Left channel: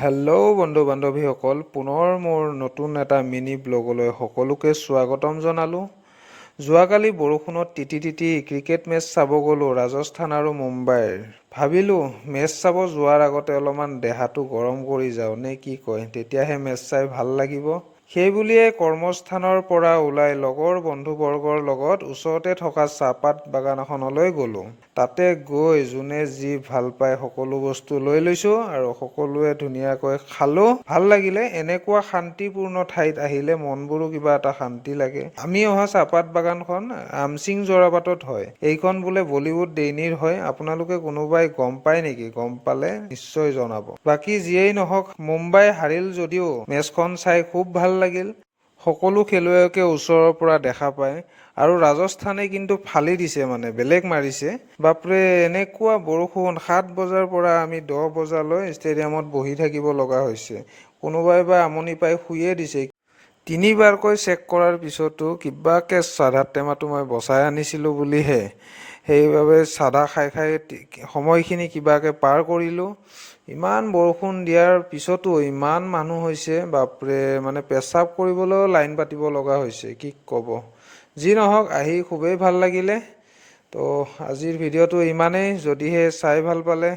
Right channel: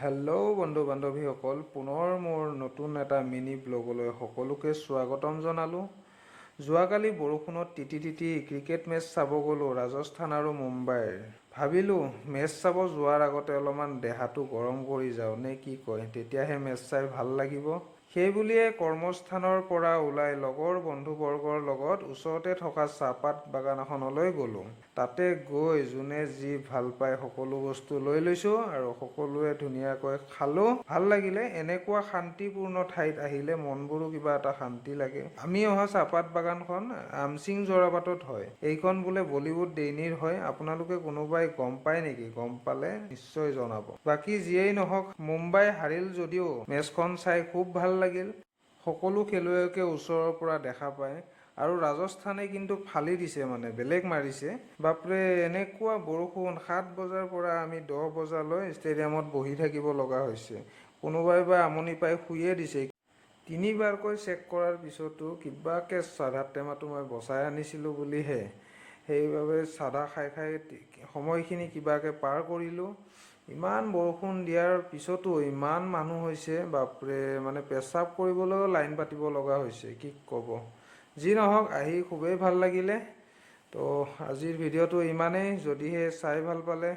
Hello' বন্ধু বান্ধৱীসকল, পুনৰ মোৰ নতুন এটা মিনি ব্লগলৈ সকলোকে স্বাগতম জনালোঁ। যোৱাকালি বৰষুণত তিতি ক্ৰিকেট মেচ চাব গ'লোঁ ৰাজস্থান আৰু মুম্বাইৰ। ভাবিলোঁ মেচ চাব যোৱাৰ আগতে অলপমান দেহাটো গৰম কৰি যাওঁ নে কি কয়, তেতিয়াহে মেচ চাই ভাল লাগিব। সেই বুলিয়ে কৰ্মস্থানৰ পৰা ওলাই লগৰ বন্ধুবৰ্গৰ লগত ওচৰতে থকা চাহপাত বাগান এখনলৈ গ'লোঁ। তাতে গৈ যোনে যি ভাল পায় সকলো বস্তু লৈ লৈছোঁ আৰু সকলোৱে ধুনীয়াকৈ খালোঁ। ভাল লাগিলে। এনেকুৱা শান্তিপূৰ্ণ ঠাইত আহিলে মনবোৰো কিবা এটা শান্তি লাগে। আমি অহা চাহপাত বাগানখন আমচিং জৰাবাটত হয়। এইখন বোলে বলীউড ডেইনিৰ হয়। আপোনালোকে কোনোবাই গম পায় নেকি? গম পালে নিশ্চয় জনাব। বাকী যিয়েই নহওক, মুম্বাই হাৰিল যদিও মেচখন চাই খুব ভাল লাগিল। সকলো খেলুৱৈকে ওচৰৰ পৰা দেখা পায়। আৰু ৰাজস্থানে কিন্তু ফালি দিছে, বেলেগ মাৰিছে। বাপৰে, এনেকুৱা বৰষুণ 7 বজাৰ পৰা আমি 10 বজালৈ ষ্টেডিয়ামত বহি থাকিব লগা হৈছে। কোনোবাই বা আমনি পাই শুয়ে দিছে। 3বাৰকৈ চেক কৰাৰ পিছতো কিবাকে চাধাৰ টেমাটো মই বচাই আনিছিলোঁ বুলিহে। সেইবাবে চাধা খাই সময়খিনি কিবাকে পাৰ কৰিলোঁ। ইমান বৰষুণ দিয়াৰ পিছতো ইমান মানুহ হৈছে, বাপৰে, পেচাব কৰিবলৈও লাইন পাতিব লগা হৈছে, কি ক'ব। যি নহওক, আহি খুবেই ভাল লাগিলে। তো আজিৰ ভিডিঅ'টো ইমানেই। যদিহে চাই ভাল পালে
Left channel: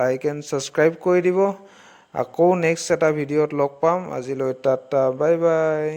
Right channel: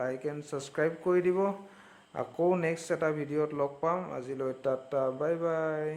লাইক এণ্ড ছাবস্ক্ৰাইব কৰি দিব। আকৌ নেক্সট এটা ভিডিঅ'ত লগ পাম। আজিলৈ টাটা, বাই বাই।